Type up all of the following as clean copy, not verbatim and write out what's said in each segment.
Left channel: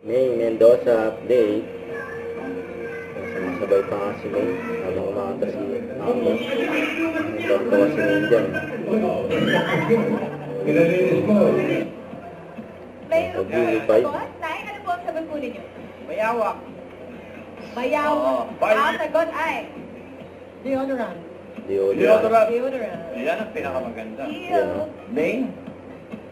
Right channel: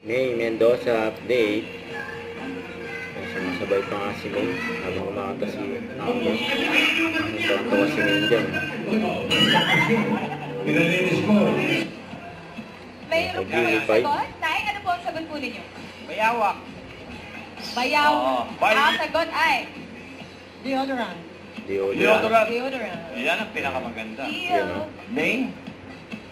May Mendoza update. Sumasabay pa nga si May. Habang umakanta si Amon. Nagbanto si May dyan. Pinalinis ko. Mayroon po yung sagot? Nay, ano po ang sagot po ninyo? Bayawak. Bayaw. Ang sagot ay Deodorant. Deodorant. deodorant. Yan ang pinakamaganda. Deo. Main?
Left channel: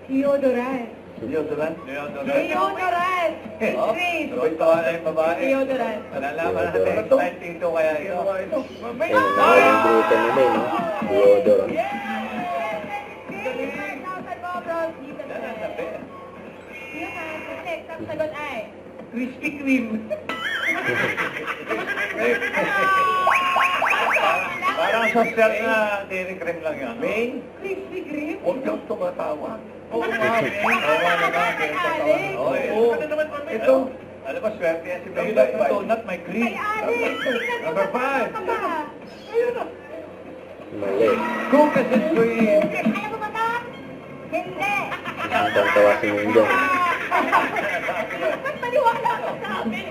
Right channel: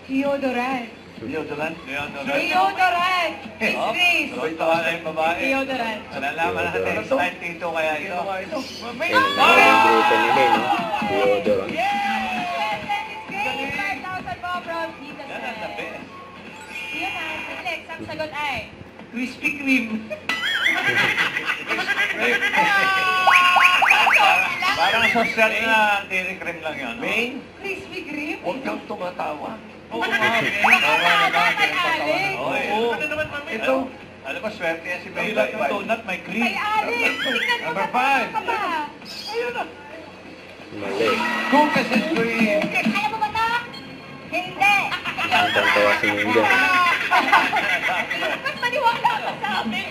Deodorant. Deodorant. Deodorant. Miss Oh, Grace. tuwa na yung babae. Deodorant. Nalaman natin yung style dito kaya ito. Ayun, ang grupo ni May, no? Deodorant. Grace, 5,000 po from Tita Yan ang the Sel. best. Yan ang next. Ang sagot ay Krispy Kreme. Parang social na dairy cream lang yun. Main? Krispy Kreme. Huwag kang tumatawa. Oo nga, Main. Oo, Ano naman, Mami? Ito. Alam mo, swerte yan si Main. Like donut, may cream. Kay Alex. Tingnan mo Number na five. ka pa. Ayun na. Mali. Cookies and cream. Alam mo ba ito? Hindi. Ang tantawa si May dyan. Ba't maniwala ka sa amin?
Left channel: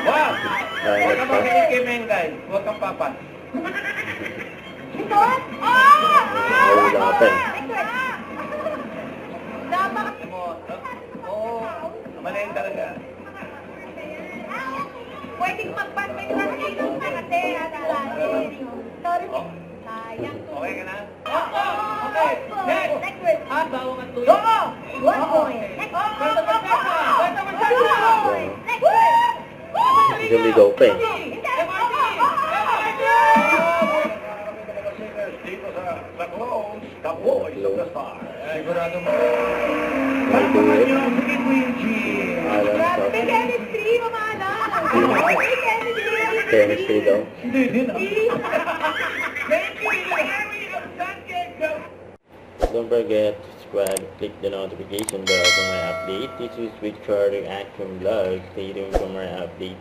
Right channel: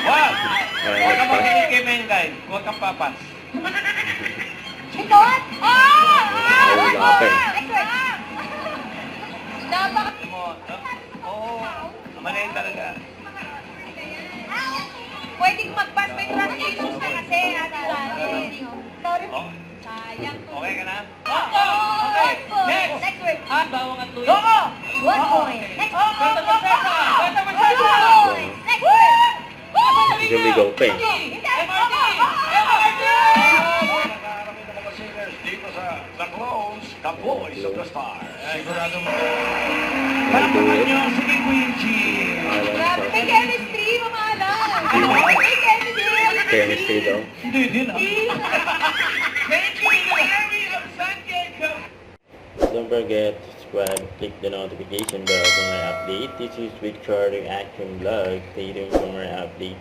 Wow! Kaya Huwag ka nagpas. makinig kay Main, guys. Huwag kang papas. Ito? Oh! Ay, wala pa eh. Napaka... Alam mo, oo. Maliit talaga. Pwedeng mag-pass may translations na kasi. Oh, Sayang to. okay ka na? Okay. Next word. Bawang at tuyo. Oo! 1 point. Next word. 2 points. Next word. Lumigaw pa eh. Hindi. Nagkakarami ng mga singers dito sa The Clones, The Voice of the Star. Sigurado mo. Palamahan niyo si Queen G. Grabe, may chemistry, mamahalan. May chemistry. Chemistry daw. Hindi din ah. Don't forget to subscribe, click the notification bell for my update. This is Victor Reaction Vlog. Stay tuned for more update.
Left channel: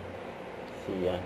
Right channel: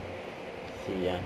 See ya.